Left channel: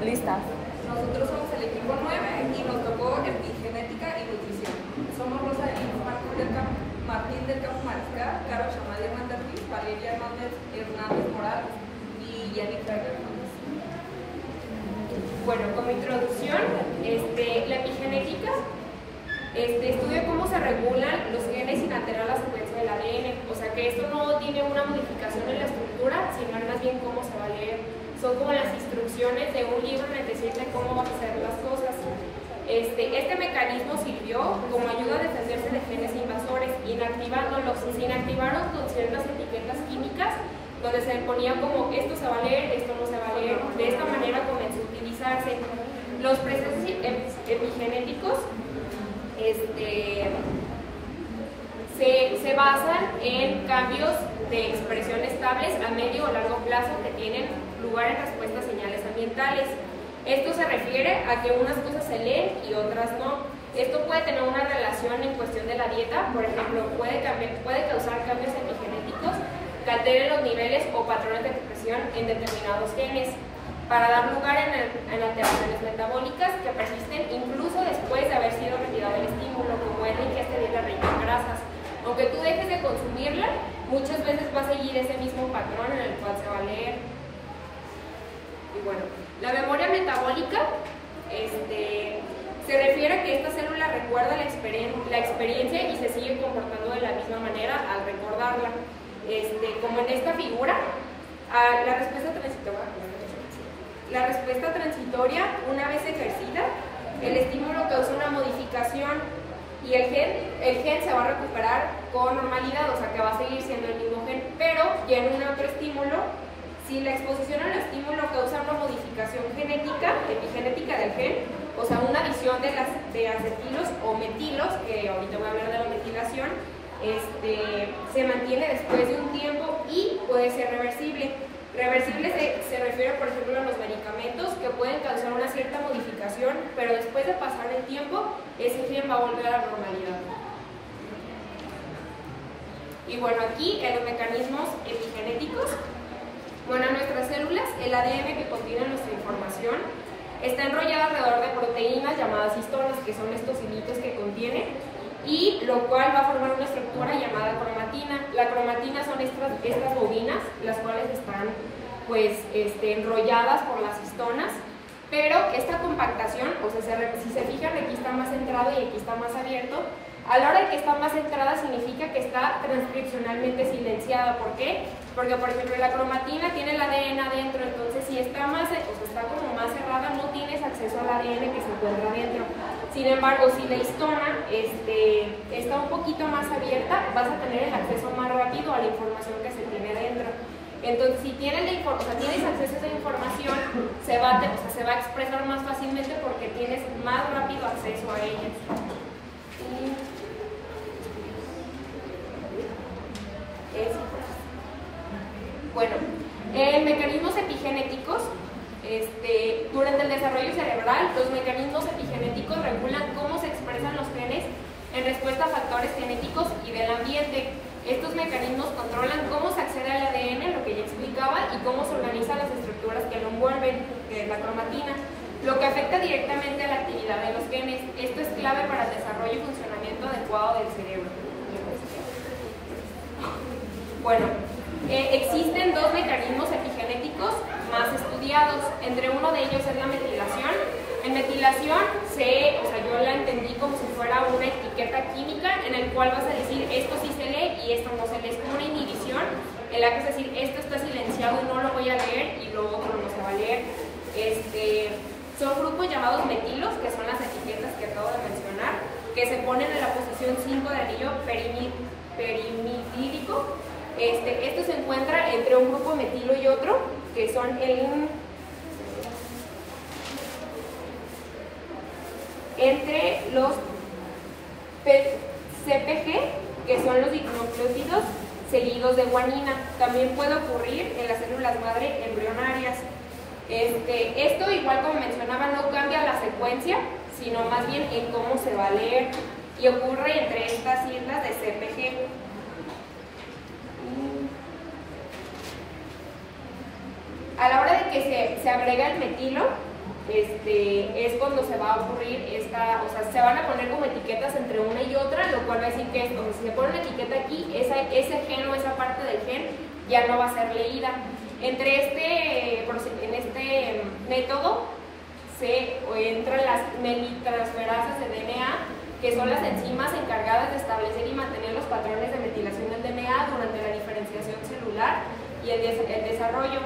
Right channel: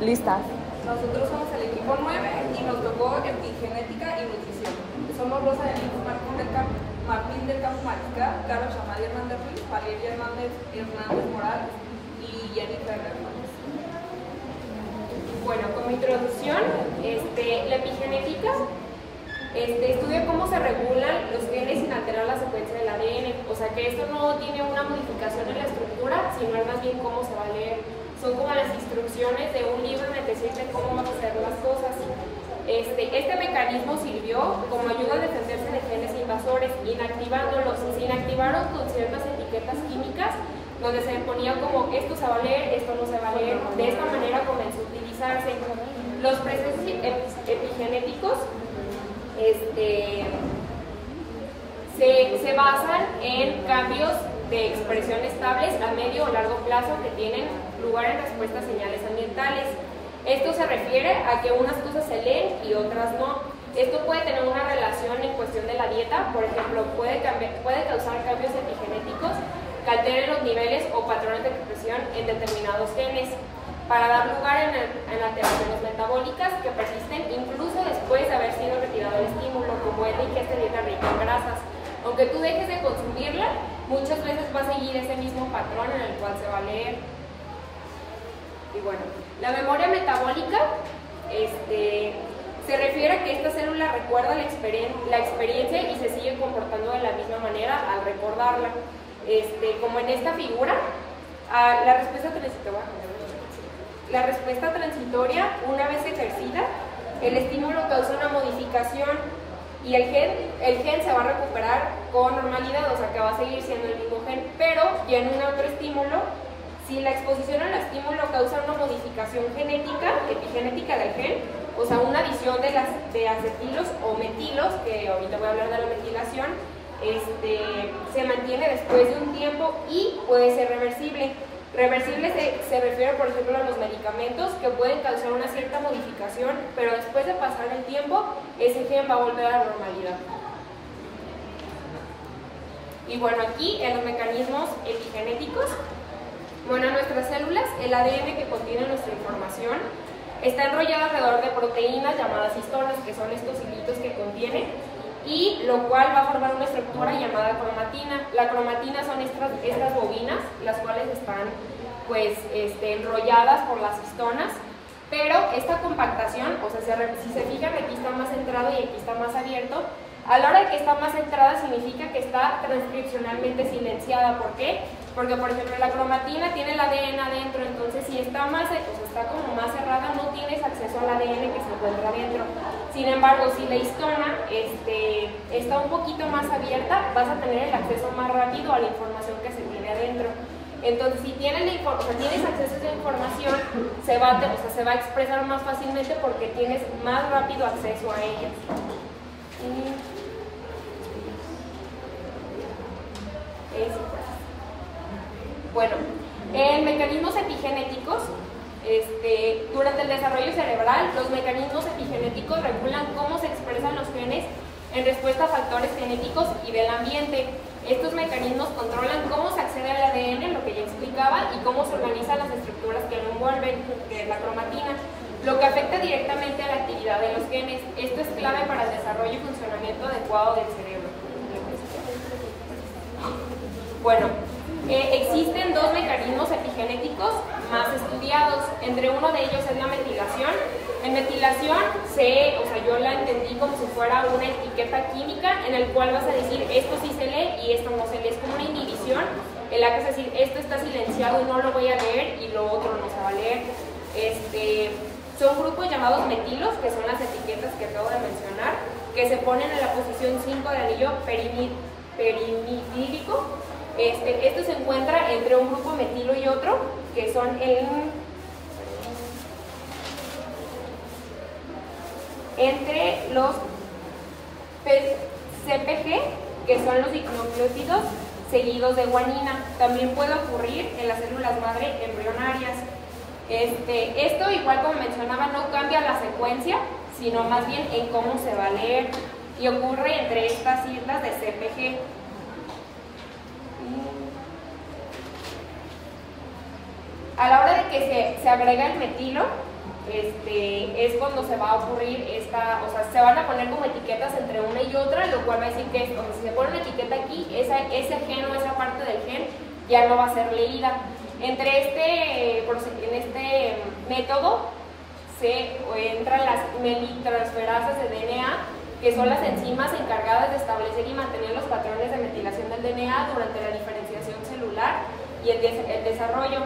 Lista. Nosotros somos el equipo 9 y nos tocó epigenética y nutrición. Somos Rosa Martín del Campo Mariscal, Carlos Chamal Hernández Ruiz, Valeria Hernández Morales y Jennifer Hernández. Bueno, como introducción, la epigenética estudia cómo se regulan los genes sin alterar la secuencia del ADN. O sea que esto no tiene una modificación en la estructura, sino más bien cómo se va a leer. Son como las instrucciones de un libro en el que decirle cómo van a hacer las cosas. Este mecanismo sirvió como ayuda a defenderse de genes invasores, inactivándolos. Se inactivaron con ciertas etiquetas químicas donde se ponía como esto se va a leer, esto no se va a leer. De esta manera comenzó a utilizarse. Los procesos epigenéticos se basan en cambios de expresión estables a medio o largo plazo que tienen lugar en respuesta a señales ambientales. Esto se refiere a que unas cosas se leen y otras no. Esto puede tener una relación en cuestión de la dieta, por ejemplo, puede causar cambios epigenéticos que alteren los niveles o patrones de expresión en determinados genes, para dar lugar en alteraciones metabólicas que persisten incluso después de haber sido retirado el estímulo, como es la ingesta de rica en grasas. Aunque tú dejes de consumirla, muchas veces va a seguir ese mismo patrón en el cual se va a leer. Y bueno, la memoria metabólica se refiere a que esta célula recuerda la experiencia y se sigue comportando de la misma manera al recordarla. Como en esta figura, la respuesta transitoria, una vez ejercida, el estímulo causa una modificación y el gen se va a recuperar con normalidad, o sea que va a seguir siendo el mismo gen, pero ya en un otro estímulo, si la exposición al estímulo causa una modificación genética, epigenética del gen, o sea una adición de acetilos o metilos, que ahorita voy a hablar de la metilación, se mantiene después de un tiempo y puede ser reversible. Reversible se refiere, por ejemplo, a los medicamentos que pueden causar una cierta modificación, pero después de pasar el tiempo, ese gen va a volver a la normalidad. Y bueno, aquí en los mecanismos epigenéticos, bueno, nuestras células, el ADN que contiene nuestra información, está enrollado alrededor de proteínas llamadas histonos, que son estos hilitos que contiene, y lo cual va a formar una estructura llamada cromatina. La cromatina son estas bobinas, las cuales están pues enrolladas por las histonas, pero esta compactación, o sea, si se fijan, aquí está más centrado y aquí está más abierto. A la hora de que está más centrada significa que está transcripcionalmente silenciada. ¿Por qué? Porque, por ejemplo, la cromatina tiene el ADN adentro, entonces si está está como más cerrada, no tienes acceso al ADN que se encuentra adentro. Sin embargo, si la histona está un poquito más abierta, vas a tener el acceso más rápido a la información que se tiene adentro. Entonces, si tienes tienes acceso a esa información, se va a expresar más fácilmente porque tienes más rápido acceso a ella. Bueno, en mecanismos epigenéticos, durante el desarrollo cerebral, los mecanismos epigenéticos regulan cómo se expresan los genes en respuesta a factores genéticos y del ambiente. Estos mecanismos controlan cómo se accede al ADN, lo que ya explicaba, y cómo se organizan las estructuras que lo envuelven, que es la cromatina, lo que afecta directamente a la actividad de los genes. Esto es clave para el desarrollo y funcionamiento adecuado del cerebro. Bueno, existen dos mecanismos epigenéticos más estudiados. Entre uno de ellos es la metilación. En metilación, yo la entendí como si fuera una etiqueta química en el cual vas a decir esto sí se lee y esto no se lee. Es como una inhibición en la que es decir esto está silenciado y no lo voy a leer y lo otro no se va a leer. Son grupos llamados metilos, que son las etiquetas que acabo de mencionar, que se ponen en la posición 5 del anillo perimidídico. Esto se encuentra entre un grupo metilo y otro, que son entre los CPG, que son los dinucleótidos seguidos de guanina. También puede ocurrir en las células madre embrionarias. Esto, igual como mencionaba, no cambia la secuencia, sino más bien en cómo se va a leer, y ocurre entre estas siglas de CPG. A la hora de que se agrega el metilo, es cuando se va a ocurrir o sea, se van a poner como etiquetas entre una y otra, lo cual va a decir que, o sea, si se pone una etiqueta aquí, ese gen o esa parte del gen ya no va a ser leída. En este método entran las melitransferasas de DNA, que son las enzimas encargadas de establecer y mantener los patrones de metilación del DNA durante la diferenciación celular y el desarrollo.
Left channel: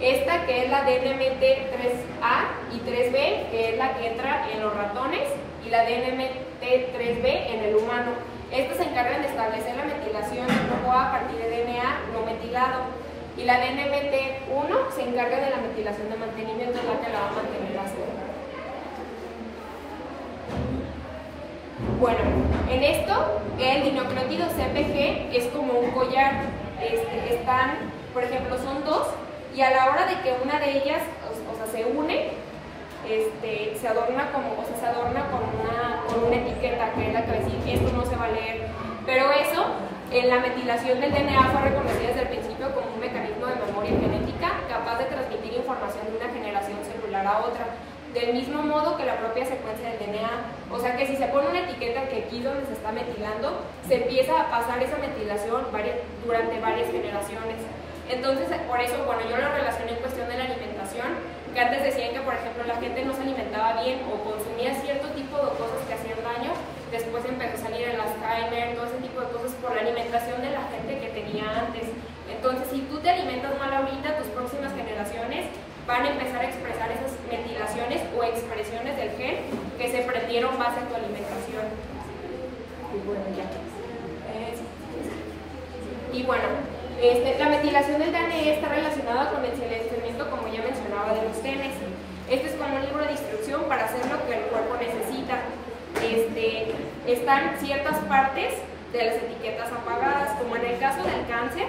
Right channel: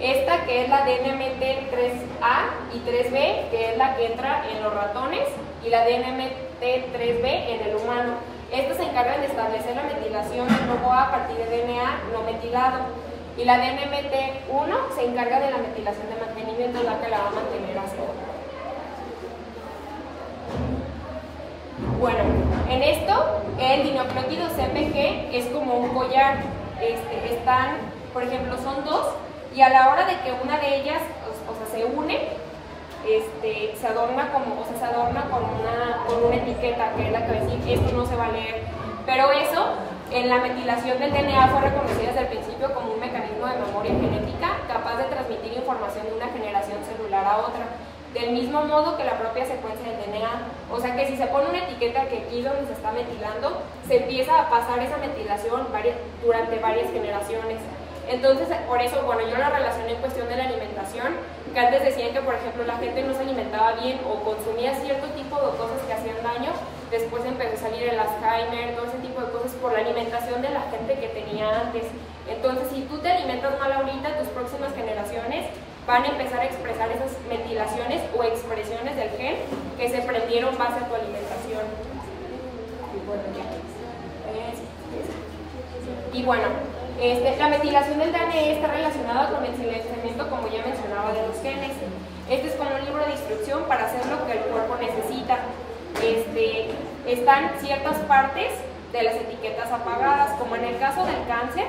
Esta que es la DNMT3A y 3B, que es la que entra en los ratones, y la DNMT3B en el humano. Estas se encargan de establecer la metilación del grupo A partir de DNA no metilado. Y la DNMT1 se encarga de la metilación de mantenimiento, la que la va a mantener así. Bueno, en esto, el dinucleótido CPG es como un collar. Están, por ejemplo, son dos, y a la hora de que una de ellas, o sea, se une, se adorna con una etiqueta que es la que va a decir, esto no se va a leer. Pero eso, en la metilación del DNA fue reconocida desde el principio como un mecanismo de memoria genética capaz de transmitir información de una generación celular a otra, del mismo modo que la propia secuencia del DNA. O sea que si se pone una etiqueta que aquí donde se está metilando, se empieza a pasar esa metilación durante varias generaciones. Entonces, por eso, bueno, yo la relacioné en cuestión de la alimentación, que antes decían que, por ejemplo, la gente no se alimentaba bien o consumía cierto tipo de cosas que hacían daño. Después empezó a salir el Alzheimer, todo ese tipo de cosas por la alimentación de la gente que tenía antes. Entonces, si tú te alimentas mal ahorita, tus próximas generaciones van a empezar a expresar esas metilaciones o expresiones del gen que se prendieron base a tu alimentación. Y bueno, la metilación del DNA está relacionada con el silenciamiento, como ya mencionaba, de los genes. Este es como un libro de instrucción para hacer lo que el cuerpo necesita. Están ciertas partes de las etiquetas apagadas, como en el caso del cáncer.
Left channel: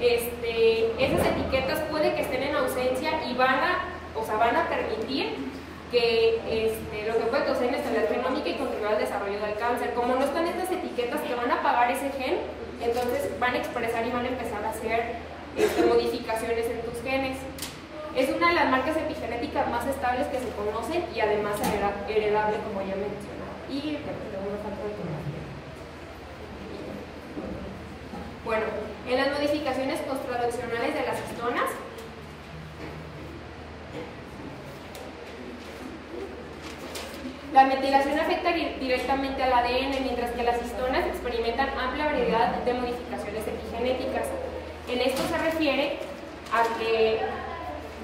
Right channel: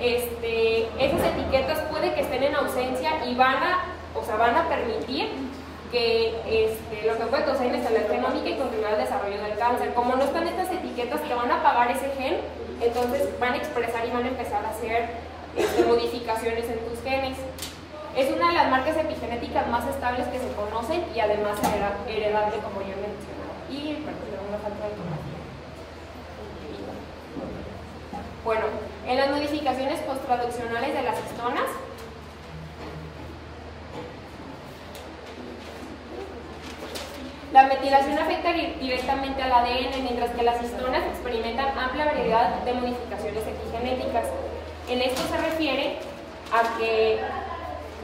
Esas etiquetas puede que estén en ausencia y van a permitir que lo que puede causar inestabilidad genómica y continuar el desarrollo del cáncer. Como no están estas etiquetas que van a apagar ese gen, entonces van a expresar y van a empezar a hacer modificaciones en tus genes. Es una de las marcas epigenéticas más estables que se conocen y además heredable, como ya mencionaba. Y luego una falta de información. Bueno, en las modificaciones posttraduccionales de las histonas, la metilación afecta directamente al ADN, mientras que las histonas experimentan amplia variedad de modificaciones epigenéticas. En esto se refiere a que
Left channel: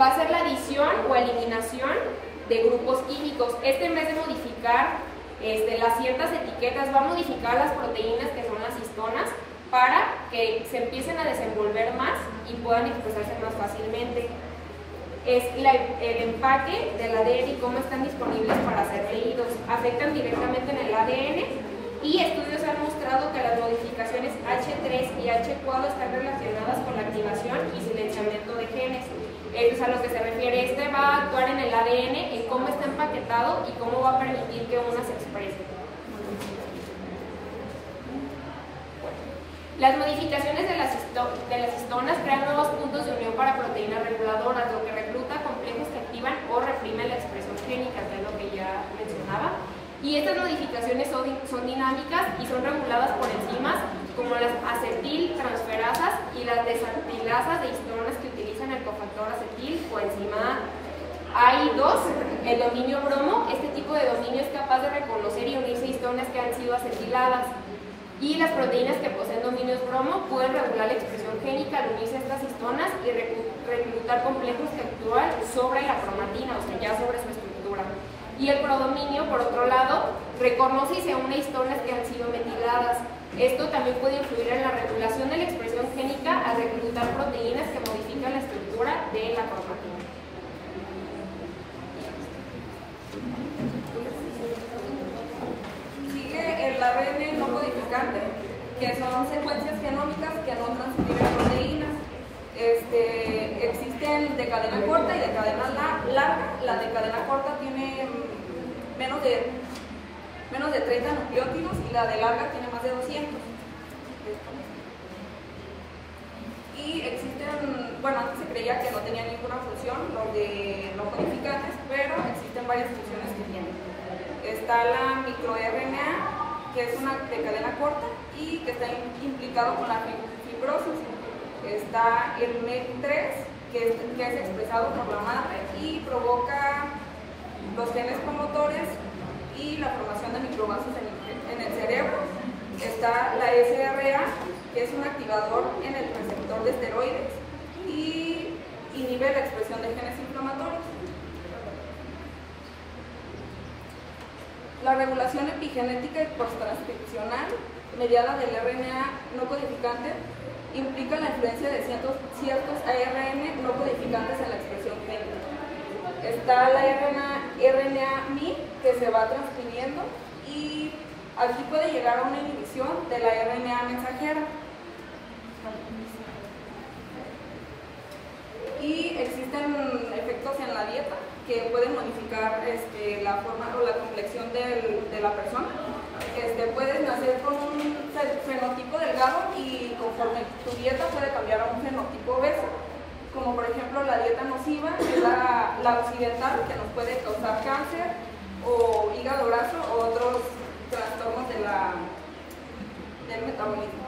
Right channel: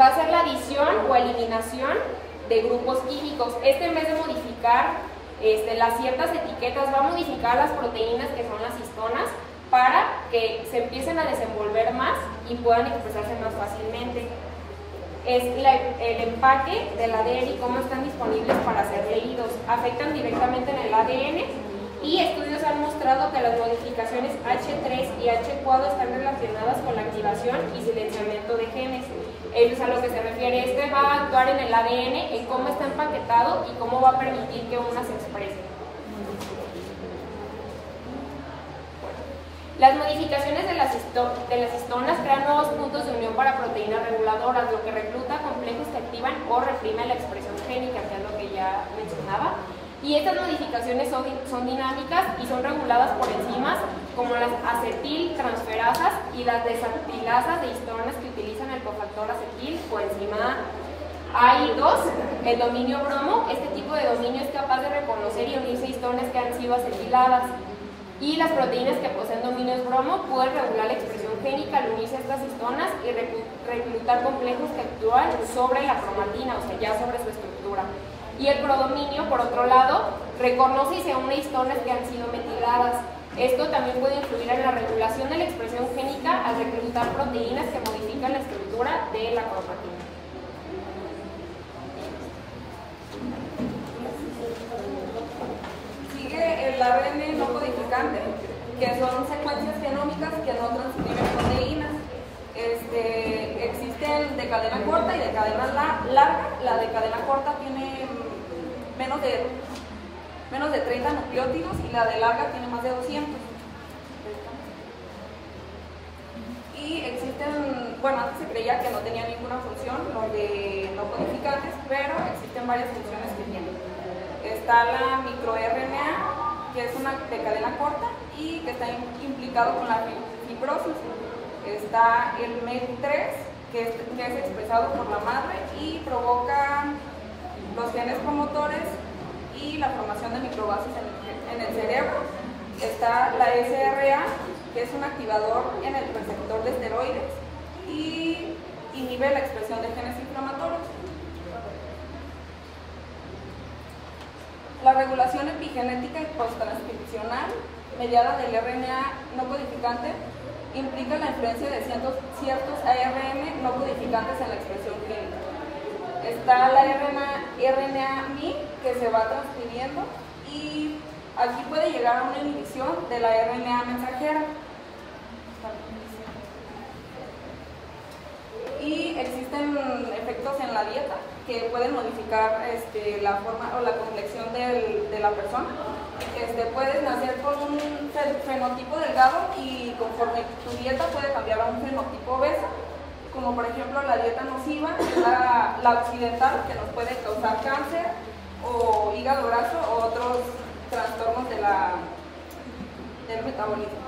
va a ser la adición o eliminación de grupos químicos. En vez de modificar las ciertas etiquetas, va a modificar las proteínas que son las histonas para que se empiecen a desenvolver más y puedan expresarse más fácilmente. Es el empaque del ADN y cómo están disponibles para ser leídos. Afectan directamente en el ADN y estudios han mostrado que las modificaciones H3 y H4 están relacionadas con la activación y silenciamiento de genes. Eso es a lo que se refiere. Va a actuar en el ADN, en cómo está empaquetado y cómo va a permitir que una se exprese. Las modificaciones de las histonas crean nuevos puntos de unión para proteínas reguladoras, lo que recluta complejos que activan o reprimen la expresión génica, que es lo que ya mencionaba. Y estas modificaciones son dinámicas y son reguladas por enzimas como las acetiltransferasas y las desacrilasas de histonas que utilizan el cofactor acetil o enzima AI2, el dominio bromo. Este tipo de dominio es capaz de reconocer y unirse histonas que han sido acetiladas. Y las proteínas que poseen dominios bromo pueden regular la expresión génica al unirse a estas histonas y reclutar complejos que actúan sobre la cromatina, o sea, ya sobre su estructura. Y el prodominio, por otro lado, reconoce y se une histonas que han sido metiladas. Esto también puede influir en la regulación de la expresión génica al reclutar proteínas que modifican la estructura de la cromatina. El ARN no codificante, que son secuencias genómicas que no transcriben proteínas. Existen de cadena corta y de cadena larga. La de cadena corta tiene menos de 30 nucleótidos y la de larga tiene más de 200. Y existen, bueno, antes se creía creía que no tenía ninguna función, los de no codificantes, pero existen varias funciones que tienen. Está la microRNA, que es una de cadena corta y que está implicado con la fibrosis. Está el MEC3, que es expresado por la madre y provoca los genes promotores y la formación de microvasos en el cerebro. Está la SRA, que es un activador en el receptor de esteroides y inhibe la expresión de genes inflamatorios. La regulación epigenética y posttranscripcional mediada del RNA no codificante implica la influencia de ciertos ARN no codificantes en la expresión clínica. Está la RNA-MI, que se va transcribiendo y aquí puede llegar a una inhibición de la RNA mensajera. Y existen efectos en la dieta que pueden modificar la forma o la complexión de la persona. Puedes nacer con un fenotipo delgado y conforme tu dieta puede cambiar a un fenotipo obeso, como por ejemplo la dieta nociva, que es la occidental, que nos puede causar cáncer o hígado graso o otros trastornos del metabolismo.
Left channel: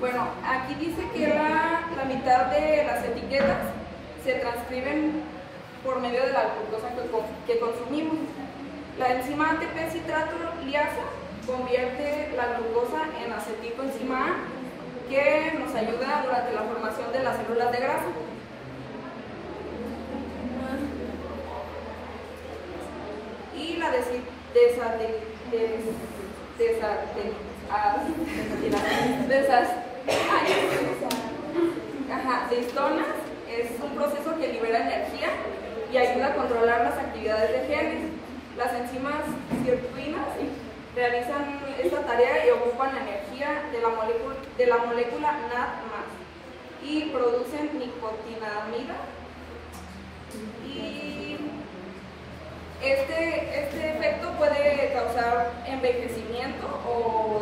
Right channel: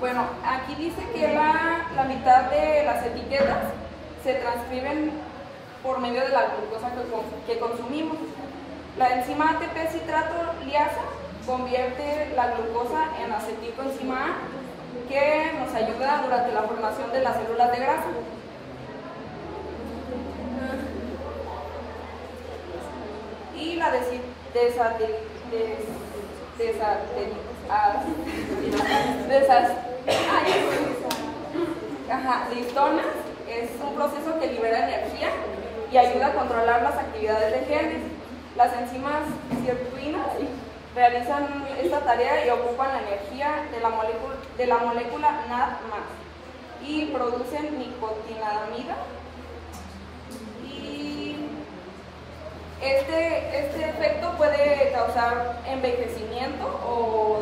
Bueno, aquí dice que la mitad de las etiquetas se transcriben por medio de la glucosa que consumimos. La enzima ATP citrato liasa convierte la glucosa en acetilcoenzima A, que nos ayuda durante la formación de las células de grasa. Y la listonas es un proceso que libera energía y ayuda a controlar las actividades de genes. Las enzimas sirtuinas realizan esta tarea y ocupan la energía de la molécula NAD+ y producen nicotinamida. Y este efecto puede causar envejecimiento o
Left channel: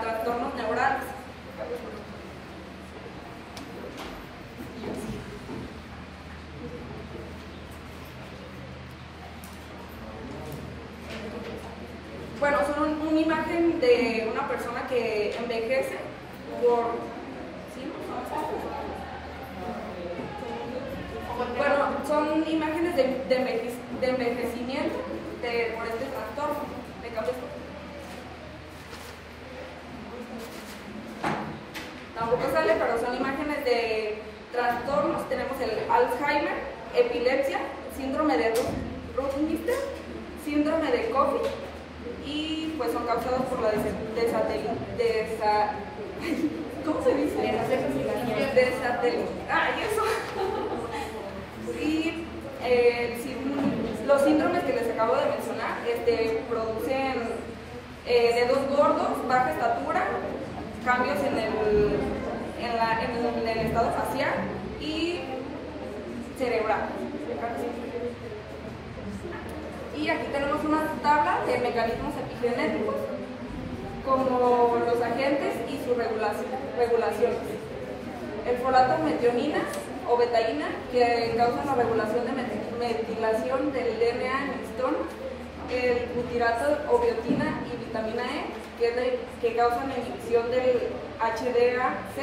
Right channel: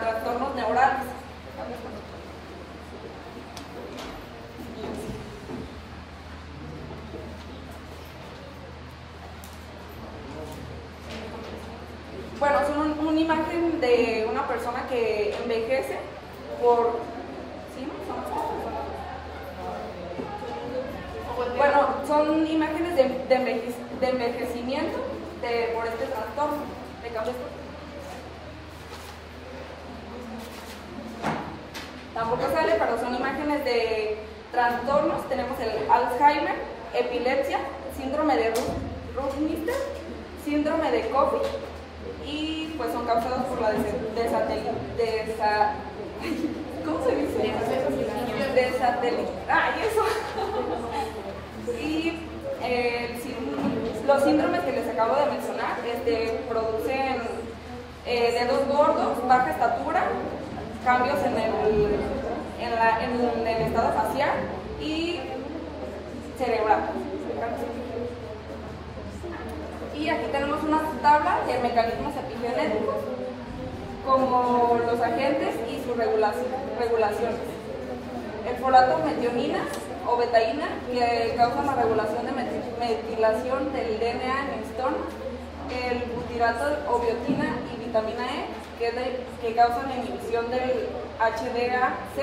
trastornos neurales. Bueno, son una imagen de una persona que envejece por... ¿Sí, no? Bueno, son imágenes de envejecimiento por este trastorno de cambio. Tampoco sale, pero son imágenes de trastornos. Tenemos el Alzheimer, epilepsia, síndrome de Roux-Mister, síndrome de Coffey, y pues son causados por la ¿cómo se dice? Y los síndromes que les acabo de mencionar producen dedos gordos, baja estatura, cambios en el estado facial y cerebral. Y aquí tenemos una tabla de mecanismos epigenéticos, como los agentes y sus regulaciones. El folato metionina o betaína, que causa la regulación de metilación del DNA en histonas. El butirato o biotina y vitamina E, que causan la inhibición del HDAC.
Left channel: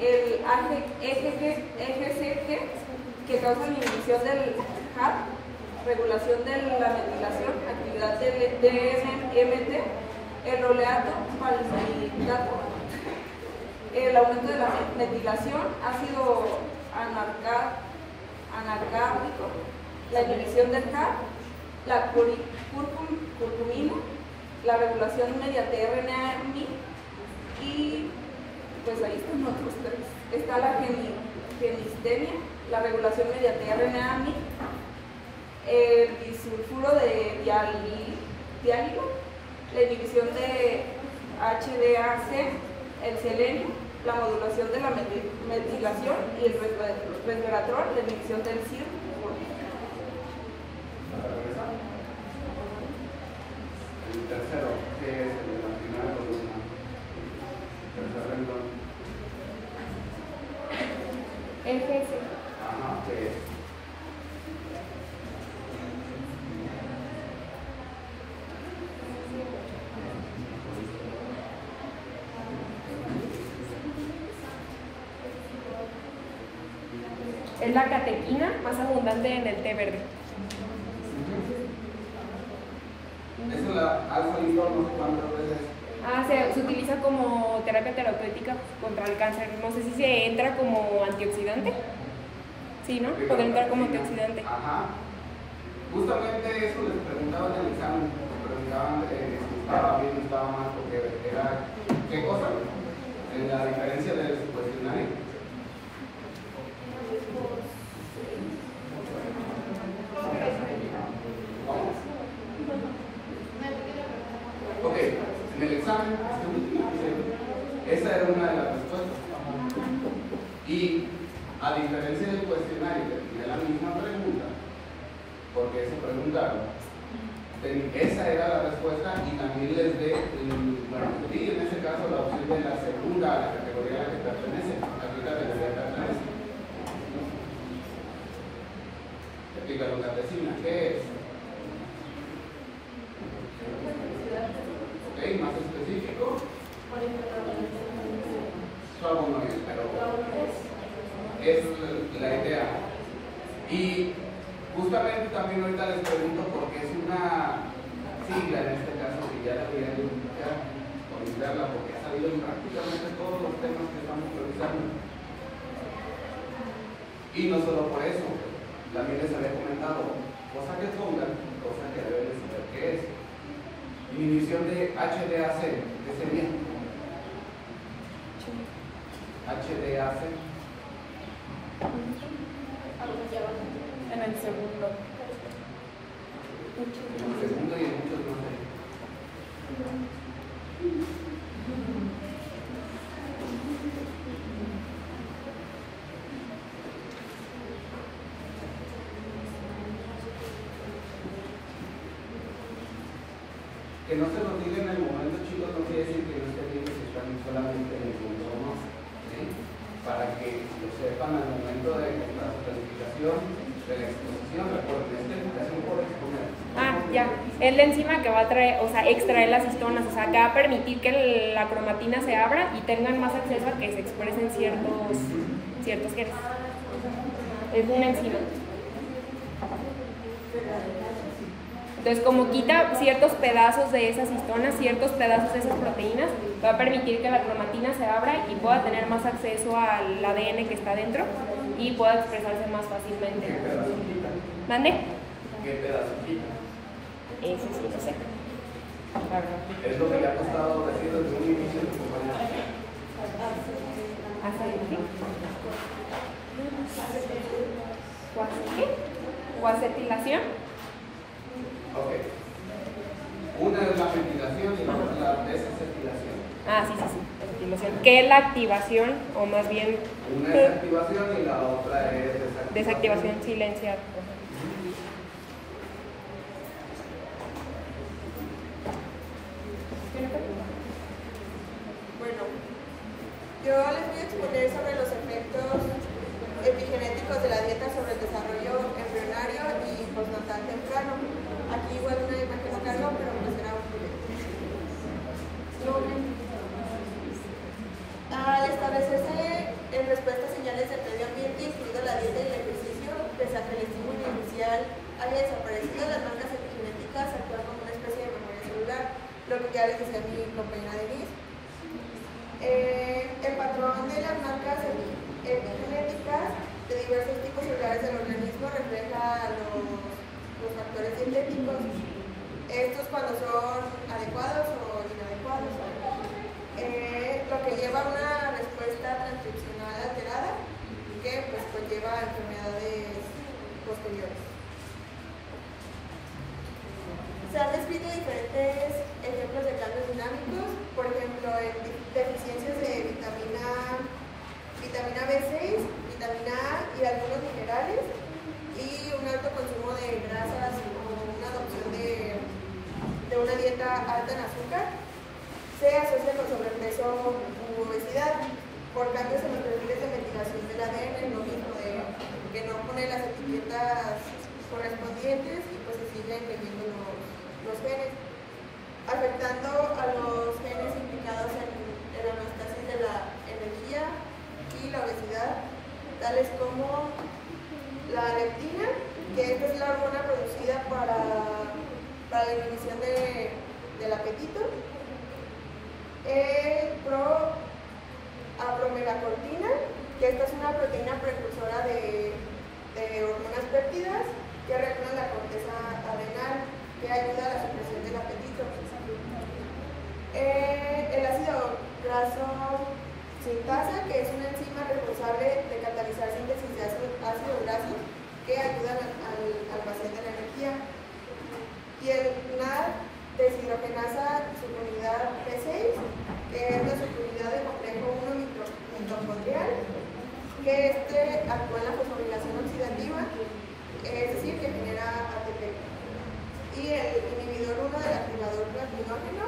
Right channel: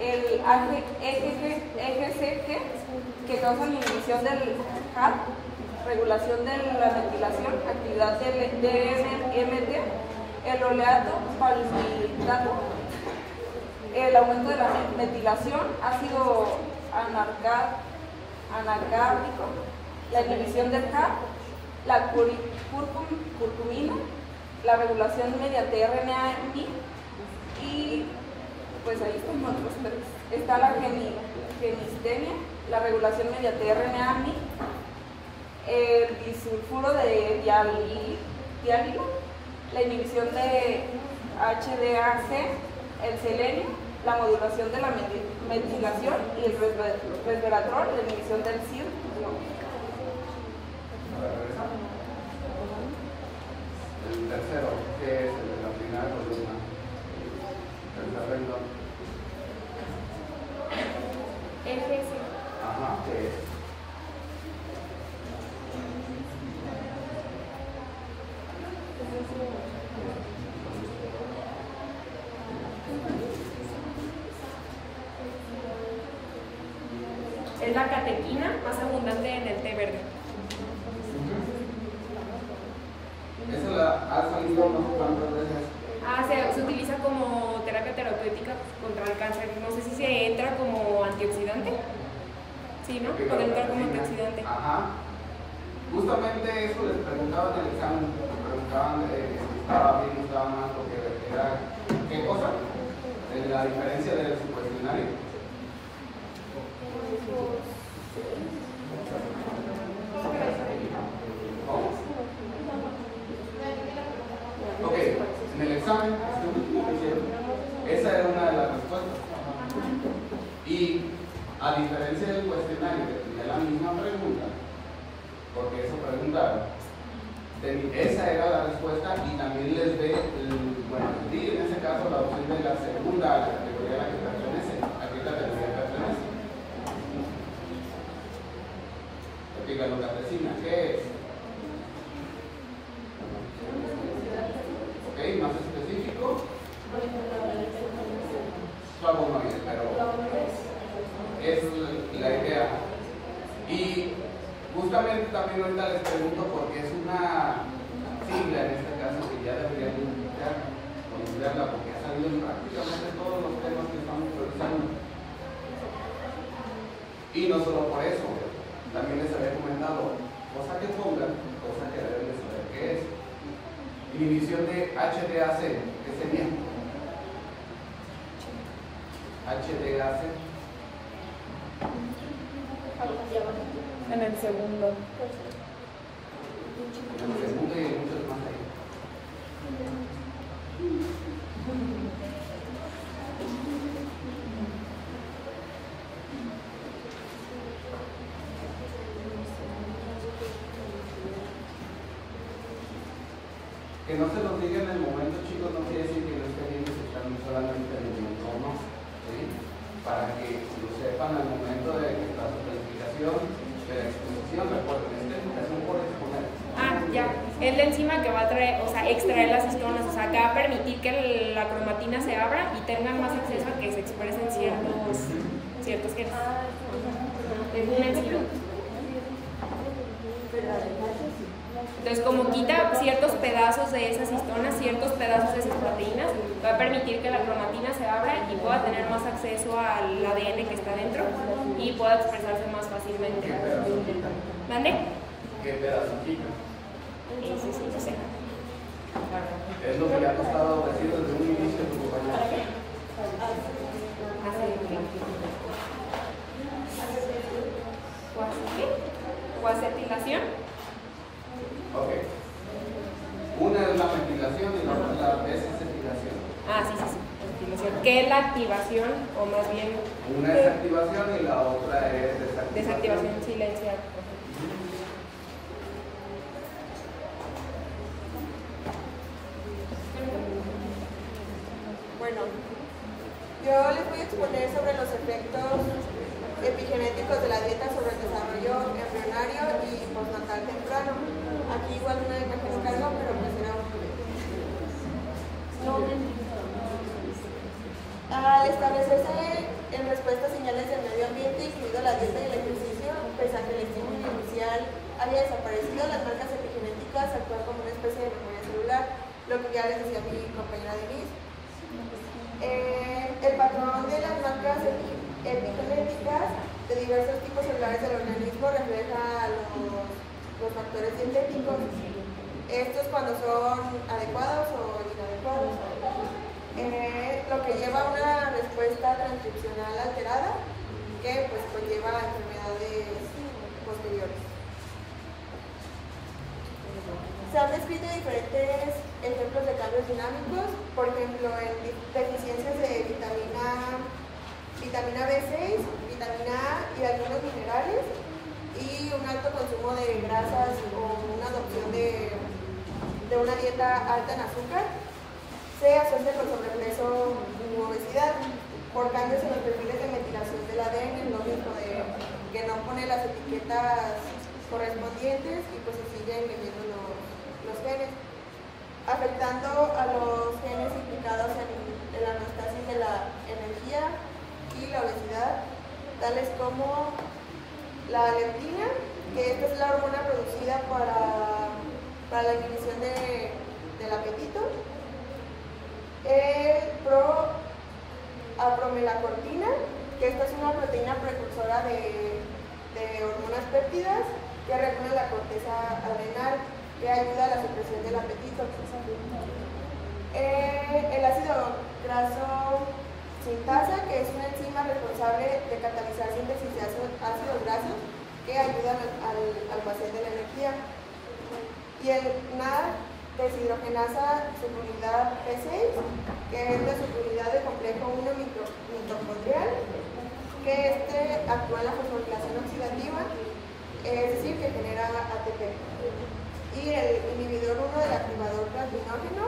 El EGCG, que causa la inhibición del HAP, regulación de la metilación, actividad del DMT, el oleato palmitato, el aumento de la metilación, ácido anargábico, la inhibición del CAP, la curcumina, la regulación mediante RNA-MI y pues ahí están otros tres. Está la genistenia, la regulación mediante RNA-MI, el disulfuro de diálilo, la inhibición de HDAC, el selenio, la modulación de la metilación y el resveratrol, la inhibición del CIR. El tercero, ¿qué es el determinado de una? Tercer renglón. FS. Ajá, ¿qué es? Es la catequina más abundante en el té verde. Eso la alfa-lidón, ¿cuántas veces? Se utiliza como terapia terapéutica contra el cáncer. No sé si se entra como antioxidante. Sí, ¿no? Puede entrar como antioxidante. Ajá. Justamente eso les preguntaba en el examen. Les preguntaban si estaba bien o estaba mal, porque era ¿qué cosa? La diferencia de su cuestionario. Ok, en el examen, esa era una de las respuestas. Y a diferencia del cuestionario que tenía la misma pregunta, porque eso preguntaron, esa era la respuesta y también les dé, bueno, aquí en ese caso la opción de la segunda a la categoría a la que pertenece, aquí categoría pertenece. Epigalocatequina, ¿qué es? Ok, más específico. Flavonoides, pero es la idea. Y justamente también ahorita les pregunto porque es una sigla en este caso que ya debería de olvidarla porque ha salido en prácticamente todos los temas que estamos revisando. Y no solo por eso, también les había comentado, cosa que pongan, cosa que deben saber qué es. Inhibición de HDAC, ¿qué sería? HDAC. En el segundo. En el segundo y en muchos más. Que no se lo digan en el momento, chicos, no quiere decir que no estén bien, se están solamente en el entorno, ¿sí? Para que lo sepan al momento de la calificación de la exposición. Recuerden, es calificación por exponer. Ya. Es la enzima que va a traer, o sea, extraer las histonas, o sea, que va a permitir que la cromatina se abra y tengan más acceso a que se expresen ciertos genes. Es una enzima. Entonces, como quita ciertos pedazos de esas histonas, ciertos pedazos de esas proteínas, va a permitir que la cromatina se abra y pueda tener más acceso al ADN que está dentro y pueda expresarse más fácilmente. ¿Qué pedazo quita? ¿Mande? ¿Qué pedazo quita? Sí. Es lo que le ha costado decir desde un inicio de su compañero. ¿Coacetilación? Ok. Una es la ventilación y la otra es la desacetilación. Sí. Activación. ¿Qué es la activación? O más bien. Una es activación y la otra es desactivación. Desactivación silenciada. Bueno, yo les voy a exponer sobre los efectos epigenéticos de la dieta sobre el desarrollo embrionario y postnatal temprano. Aquí igual una imagen no cargó, pero pues era un Al establecerse en respuesta a señales del medio ambiente, incluido la dieta y el ejercicio, pese a que el estímulo inicial haya desaparecido, las marcas epigenéticas actúan como una especie de memoria celular, lo que ya les decía mi compañera Denise. El patrón de las marcas epigenéticas de diversos tipos celulares del organismo refleja los factores dietéticos. Estos cuando son adecuados o inadecuados. Lo que lleva a una respuesta transcripcional alterada que pues conlleva a enfermedades posteriores. Se han descrito diferentes ejemplos de cambios dinámicos, por ejemplo, en deficiencias de vitamina vitamina B6, vitamina A y algunos minerales, y un alto consumo de grasas o una adopción de una dieta alta en azúcar se asocia con sobrepeso u obesidad por cambios en los perfiles de metilación del ADN, lo mismo de que no pone las etiquetas correspondientes y pues se siguen metiendo los genes, afectando a los genes implicados en la homeostasis de la energía y la obesidad, tales como la leptina, que esta es la hormona producida para la inhibición del apetito, apromelacortina, que esta es una proteína precursora de hormonas péptidas que regula la corteza adrenal, que ayuda a la supresión del apetito. El ácido graso sintasa, que es una enzima responsable de catalizar síntesis de ácidos grasos que ayudan al almacén de la energía. Y el NAD deshidrogenasa subunidad B6, que es la subunidad del complejo 1 mitocondrial, que actúa en la fosforilación oxidativa, es decir, que genera ATP. Y el inhibidor 1 del activador platinógeno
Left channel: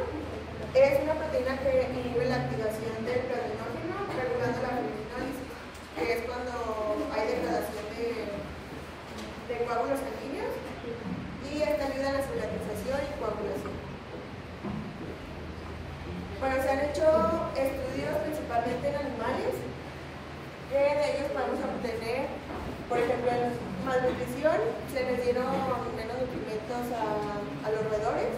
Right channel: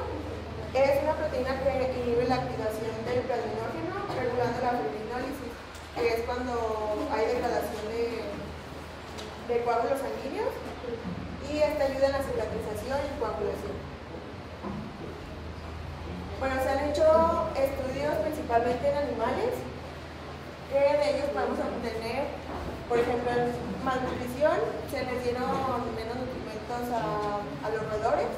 es una proteína que inhibe la activación del platinógeno, regulando la fibrinólisis, que es cuando hay degradación de coágulos sanguíneos, y esta ayuda en la cicatrización y coagulación. Bueno, se han hecho estudios principalmente en animales, que de ellos podemos obtener, por ejemplo, en malnutrición se les dieron menos nutrimentos a los roedores,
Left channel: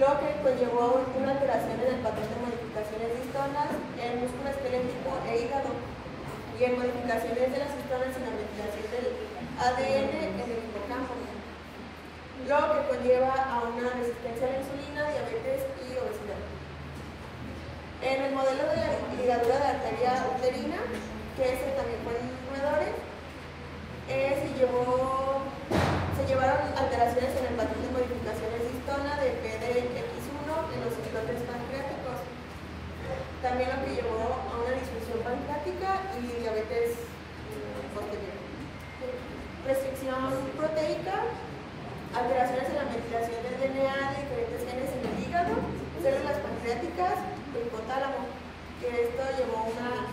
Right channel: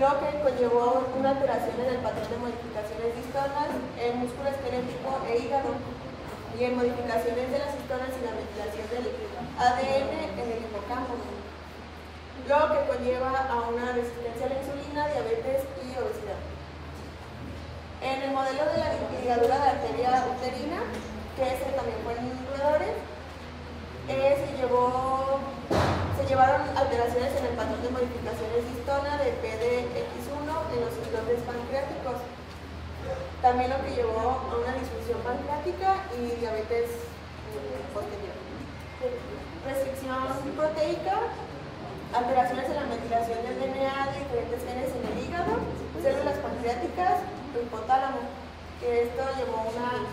lo que conllevó una alteración en el patrón de modificaciones de histonas, el músculo esquelético e hígado, y en modificaciones de las histonas y la metilación del ADN en el hipocampo, lo que conlleva a una resistencia a la insulina, diabetes y obesidad. En el modelo de ligadura de arteria uterina, que ese también fue en roedores, se llevaron alteraciones en el patrón de modificaciones de histona de PDX1 en los islotes pancreáticos, también lo que llevó a una disfunción pancreática y diabetes posterior. Restricción proteica, alteraciones en la metilación del DNA de diferentes genes en el hígado, células pancreáticas o hipotálamo, que esto llevó a una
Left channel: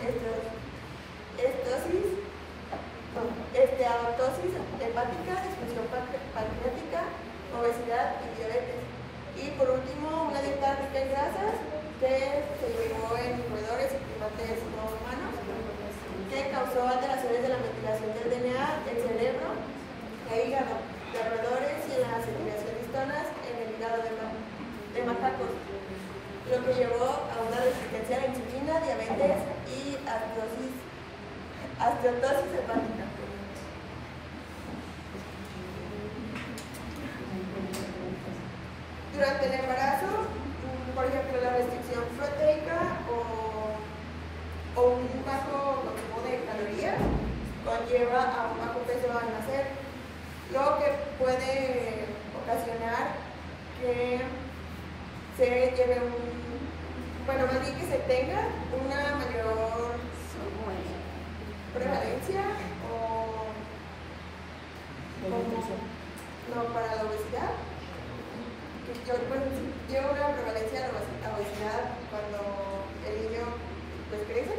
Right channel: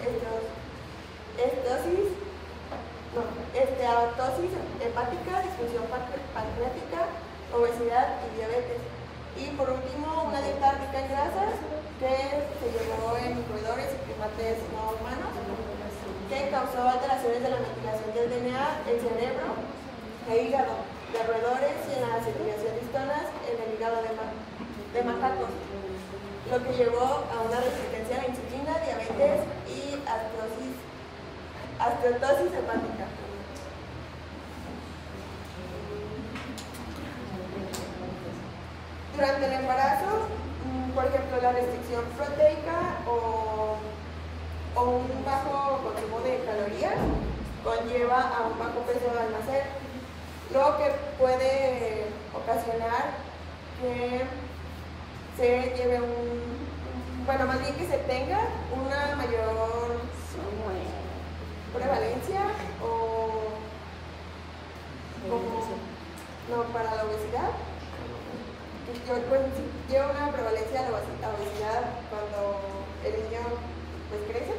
esteatosis hepática, disfunción pancreática, obesidad y diabetes. Y por último, una dieta rica en grasas que se llevó en roedores y primates no humanos, que causó alteraciones de la metilación del DNA, el cerebro e hígado de roedores y en la circulación de histonas en el hígado de macacos, lo que llevó a una resistencia a la insulina, diabetes y osteoporosis hepática. Durante el embarazo, por ejemplo, la restricción proteica o un bajo consumo de calorías conlleva a un bajo peso al nacer, lo que puede ocasionar que se lleve más bien que se tenga una mayor prevalencia para la obesidad. Lleva una prevalencia a la obesidad cuando el niño crece,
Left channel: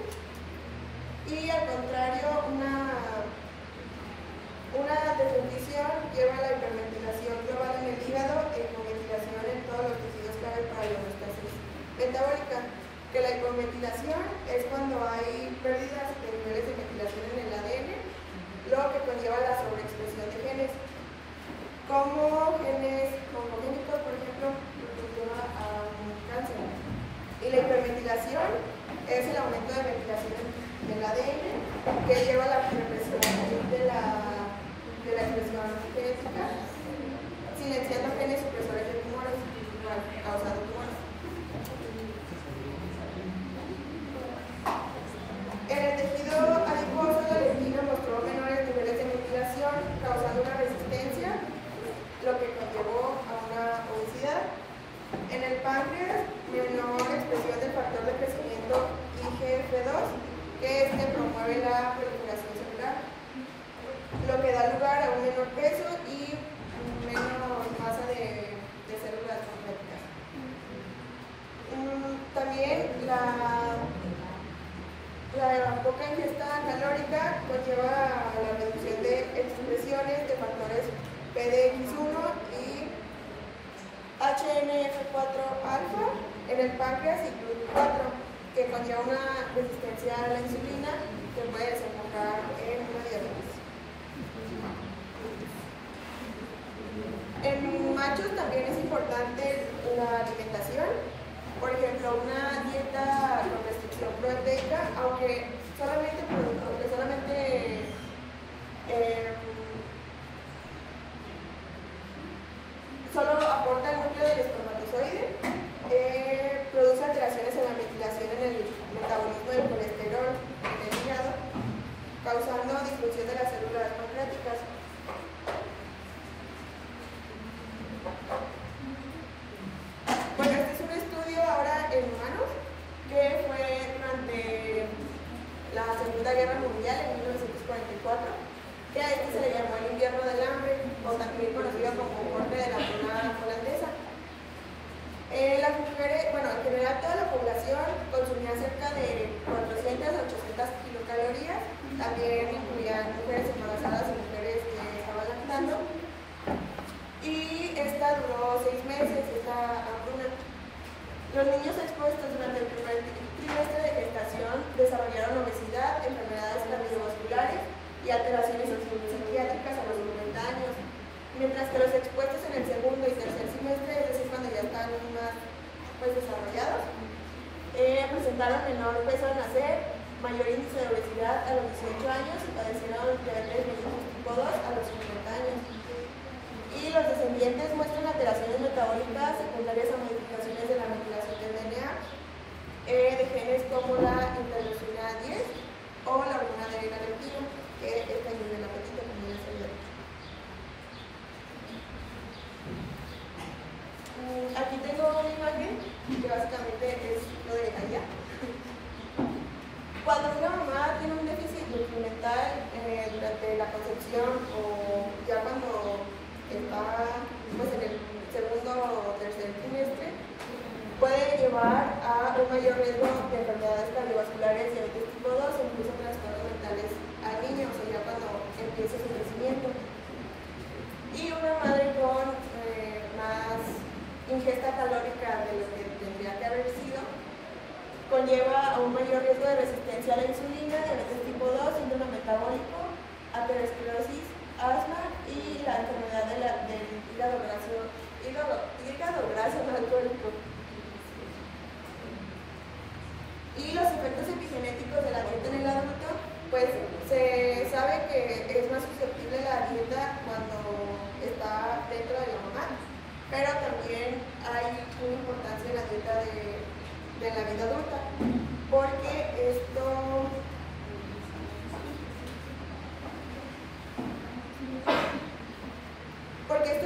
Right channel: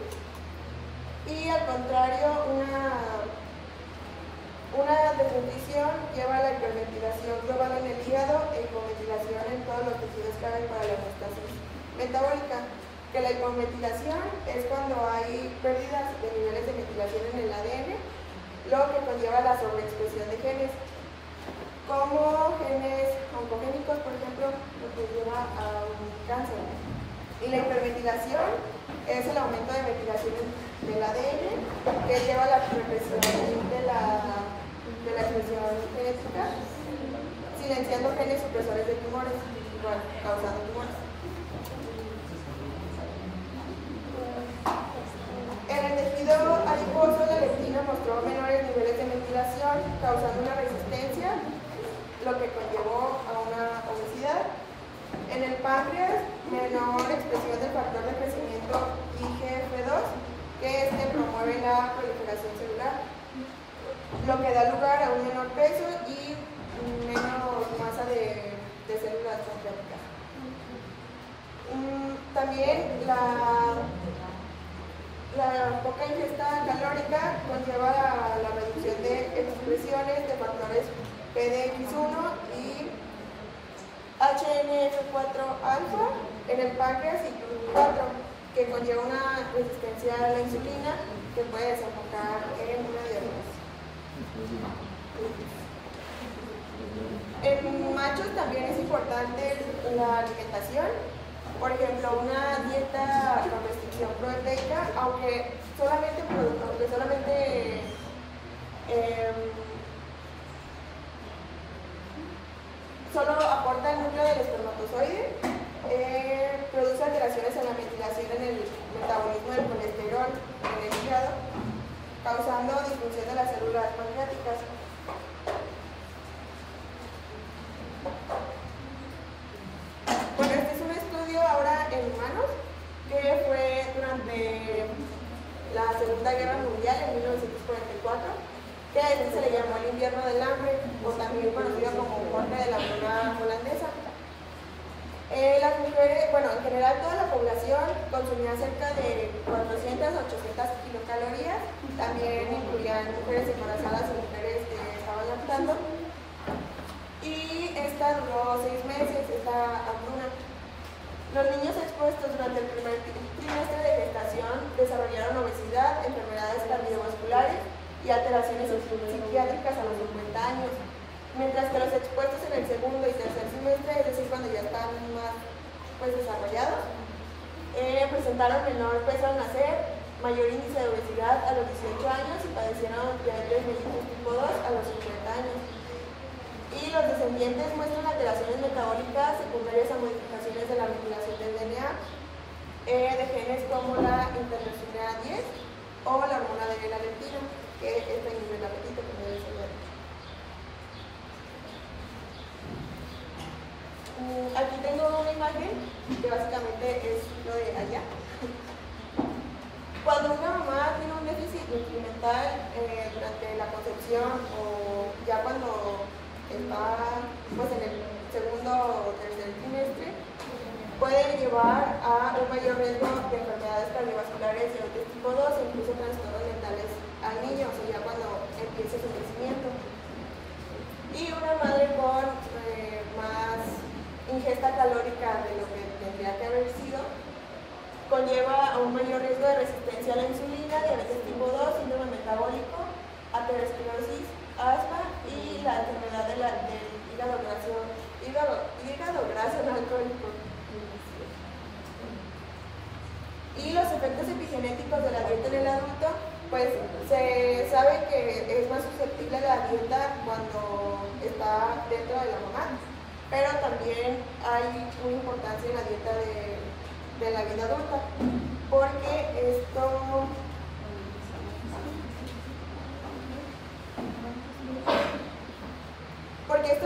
y al contrario una desnutrición lleva a la hiperventilación global en el hígado e hipoventilación en todos los tejidos clave para la homeostasis metabólica, que la hipoventilación es cuando hay pérdidas de niveles de ventilación en el ADN, lo que conlleva la sobreexpresión de genes, como genes oncogénicos, por ejemplo, lo que lleva a un cáncer. Y la hiperventilación es el aumento de ventilación del ADN, que lleva a la represión de la expresión genética, silenciando genes supresores de tumores, igual causando tumores. En el tejido adiposo, la leptina mostró menores niveles de ventilación, causando una resistencia, lo que conllevó a una obesidad. En el páncreas, menor expresión del factor de crecimiento IGF-1 IGF-2, que promueve la proliferación celular, lo que da lugar a un menor peso y menos masa de células pancreáticas. También la poca ingesta calórica conlleva la reducción de expresiones de factores PDX1 y HNF4-alfa en el páncreas y GLUT4, que conlleva una resistencia a la insulina que puede desembocar en una diabetes. En machos también es importante la alimentación. Por ejemplo, una dieta con restricción proteica, aunque solamente solo aporta el núcleo del espermatozoide, produce alteraciones en la metilación en el metabolismo del colesterol en el hígado, causando disfunción de las células pancreáticas. Bueno, este es un estudio ahora en humanos que fue durante la Segunda Guerra Mundial en 1944, que a este se le llamó el invierno del hambre, o también conocido como muerte de la hambruna holandesa. Las mujeres, bueno, en general toda la población consumía cerca de 400 a 800 kilocalorías, también incluían mujeres embarazadas y mujeres que estaban lactando. Y esta duró 6 meses, esta hambruna. Los niños expuestos durante el primer trimestre de gestación desarrollaron obesidad, enfermedades cardiovasculares y alteraciones psiquiátricas a los 50 años, mientras que los expuestos en el segundo y tercer semestre, es decir, cuando ya están más desarrollados, presentaron menor peso al nacer, mayor índice de obesidad a los 18 años y padecieron diabetes mellitus tipo 2 a los 50 años. Y los descendientes muestran alteraciones metabólicas secundarias a modificaciones de la metilación del DNA, de genes como la interleucina 10 o la hormona de L-leptina, que inhibe el apetito, como ya se había dicho. Aquí tengo una imagen que básicamente es lo de allá. Cuando una mamá tiene un déficit nutrimental durante la concepción o ya cuando está en el segundo o tercer trimestre, puede llevar a un mayor riesgo de enfermedades cardiovasculares, diabetes tipo 2 e incluso trastornos mentales al niño, o sea, ya cuando empiece su crecimiento. Y una madre con más ingesta calórica de lo que tendría que haber sido, conlleva a un mayor riesgo de resistencia a la insulina, diabetes tipo 2, síndrome metabólico, aterosclerosis, asma y la enfermedad del hígado graso no alcohólico. Y los efectos epigenéticos de la dieta en el adulto, pues se sabe que es más susceptible la dieta cuando está dentro de la mamá, pero también hay una importancia en la dieta de la vida adulta, porque esto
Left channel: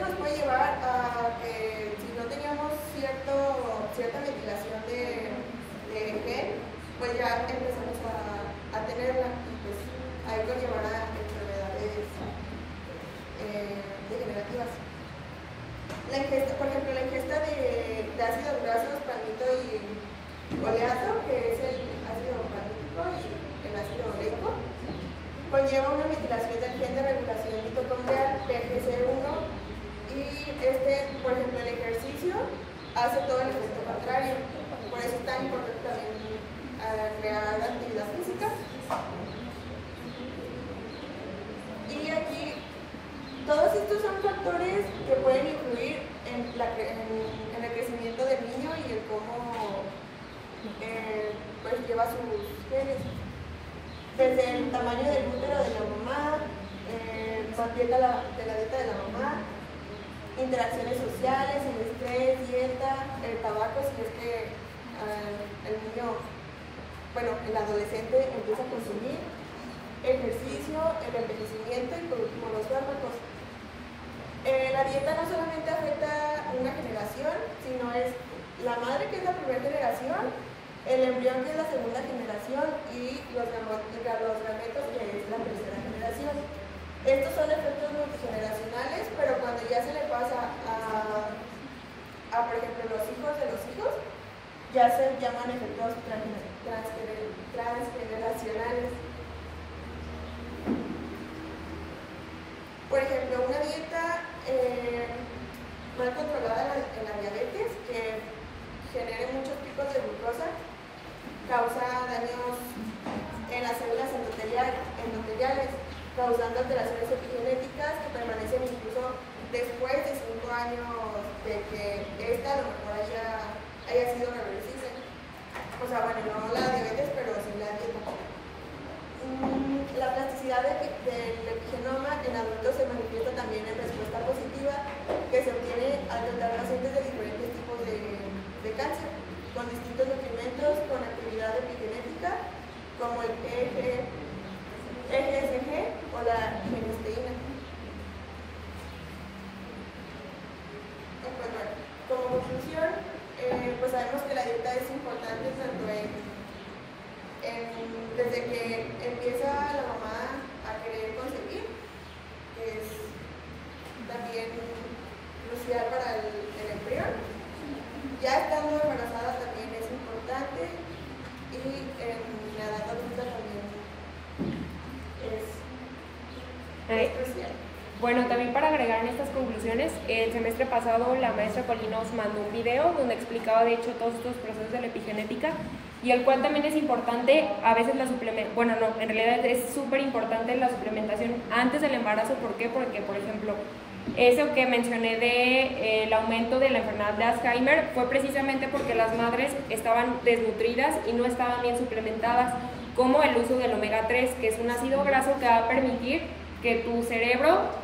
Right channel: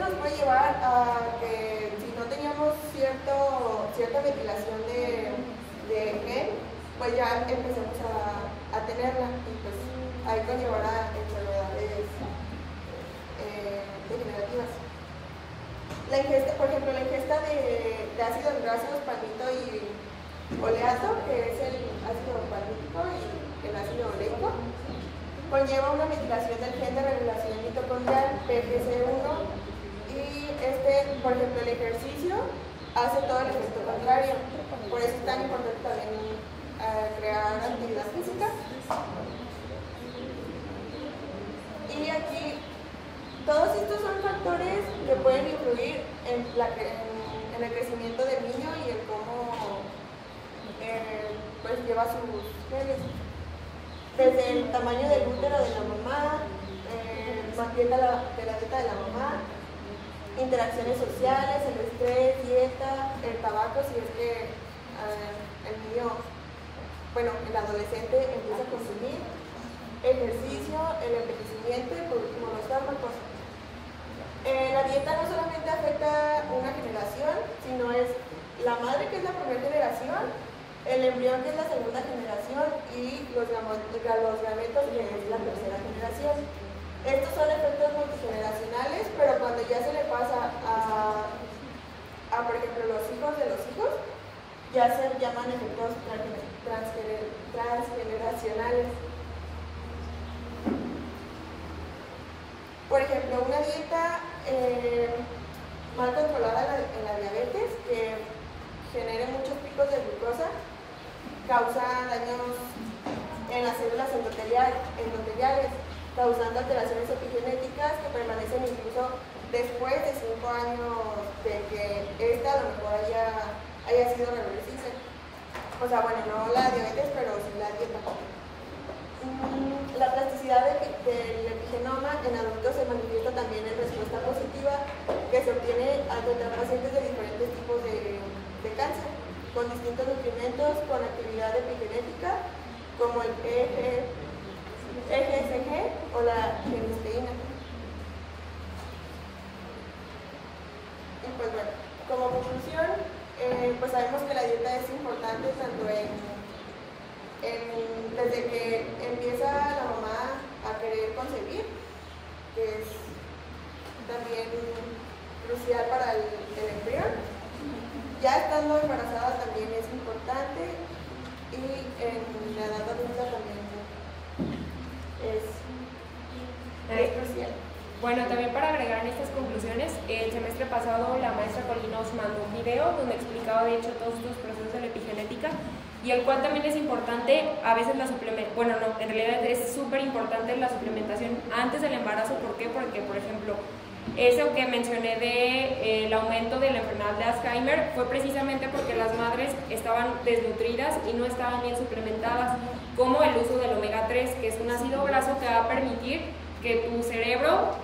nos puede llevar a que si no teníamos cierta metilación de gen, pues ya empecemos a tenerla y pues ahí conllevará enfermedades degenerativas. La ingesta, por ejemplo, la ingesta de ácidos grasos, palmito y oleato, que es el ácido palmítico y el ácido oleico, conlleva una metilación del gen de regulación mitocondrial PGC1 y por ejemplo, el ejercicio hace todo el efecto contrario. Por eso es tan importante también crear actividad física. Y aquí, todos estos son factores que pueden influir en el crecimiento del niño y el cómo pues lleva sus genes. Desde el tamaño del útero de la mamá, la dieta de la mamá, interacciones sociales, el estrés, dieta, el tabaco, si es que el niño, el adolescente empieza a consumir, ejercicio, el envejecimiento y por último los fármacos. La dieta no solamente afecta una generación, sino es la madre, que es la primera generación, el embrión, que es la segunda generación, y los gametos, que es la tercera generación. Estos son efectos multigeneracionales, pero cuando ya se le pasa a por ejemplo, los hijos de los hijos, ya se llaman efectos transgeneracionales. Por ejemplo, una dieta mal controlada en la diabetes, que genere muchos picos de glucosa, causa daños en las células endoteliales, causando alteraciones epigenéticas que permanecen incluso después de 5 años de que esta a lo mejor haya sido reversible. O sea, bueno, no la diabetes, pero sin la dieta. La plasticidad del epigenoma en adultos se manifiesta también en respuesta positiva, que se obtiene al tratar pacientes de diferentes tipos de cáncer, con distintos nutrimentos, con actividad epigenética, como el EGSG o la genisteína. Y pues bueno, como conclusión, pues sabemos que la dieta es importante tanto desde que empieza la mamá a querer concebir, que es también crucial para el embrión. Ya estando embarazada también es importante, y en la edad adulta también es crucial. Bueno, también para agregar en estas conclusiones, el semestre pasado la maestra Colina nos mandó un video donde explicaba de hecho todos estos procesos de la epigenética, y el cual también es importante a veces la suplementación, bueno no, en realidad es súper importante la suplementación antes del embarazo. ¿Por qué? Porque por ejemplo, eso que mencioné de el aumento de la enfermedad de Alzheimer fue precisamente porque las madres estaban desnutridas y no estaban bien suplementadas, como el uso del omega 3, que es un ácido graso que va a permitir que tu cerebro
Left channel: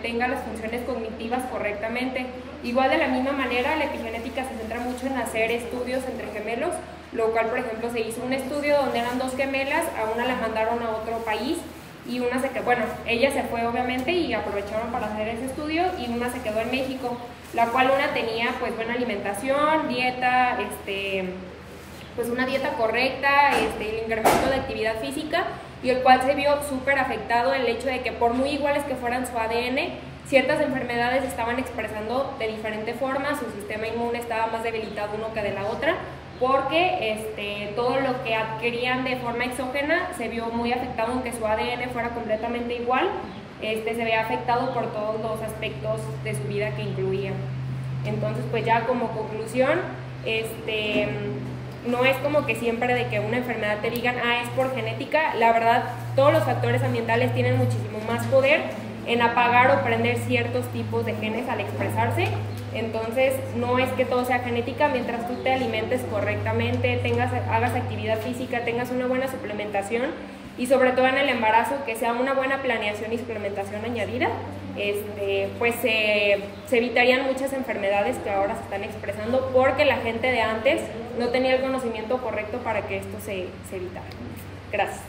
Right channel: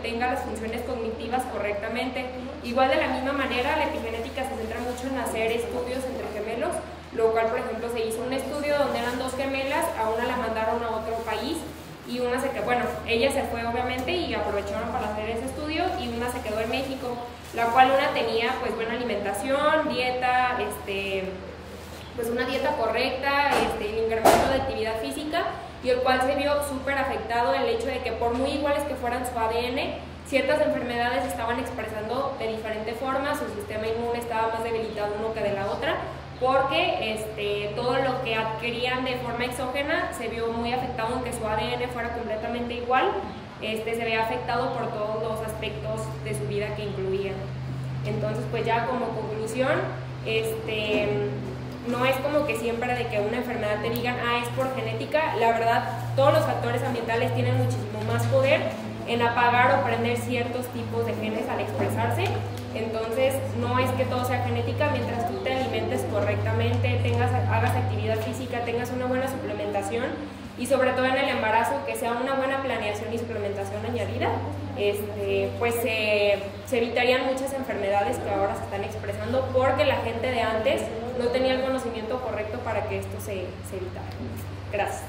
tenga las funciones cognitivas correctamente. Igual de la misma manera, la epigenética se centra mucho en hacer estudios entre gemelos, lo cual por ejemplo se hizo un estudio donde eran 2 gemelas, a una la mandaron a otro país y una se quedó, bueno, ella se fue obviamente y aprovecharon para hacer ese estudio, y una se quedó en México, la cual una tenía pues buena alimentación, dieta, pues una dieta correcta, el incremento de actividad física, y el cual se vio súper afectado el hecho de que por muy iguales que fueran su ADN, ciertas enfermedades estaban expresando de diferente forma, su sistema inmune estaba más debilitado uno que de la otra, porque todo lo que adquirían de forma exógena se vio muy afectado, aunque su ADN fuera completamente igual, se veía afectado por todos los aspectos de su vida que incluían. Entonces, pues ya como conclusión, no es como que siempre de que una enfermedad te digan, es por genética. La verdad, todos los factores ambientales tienen muchísimo más poder en apagar o prender ciertos tipos de genes al expresarse. Entonces, no es que todo sea genética, mientras tú te alimentes correctamente, hagas actividad física, tengas una buena suplementación, y sobre todo en el embarazo, que sea una buena planeación y suplementación añadida, pues se evitarían muchas enfermedades que ahora se están expresando, porque la gente de antes no tenía el conocimiento correcto para que esto se evitara. Gracias.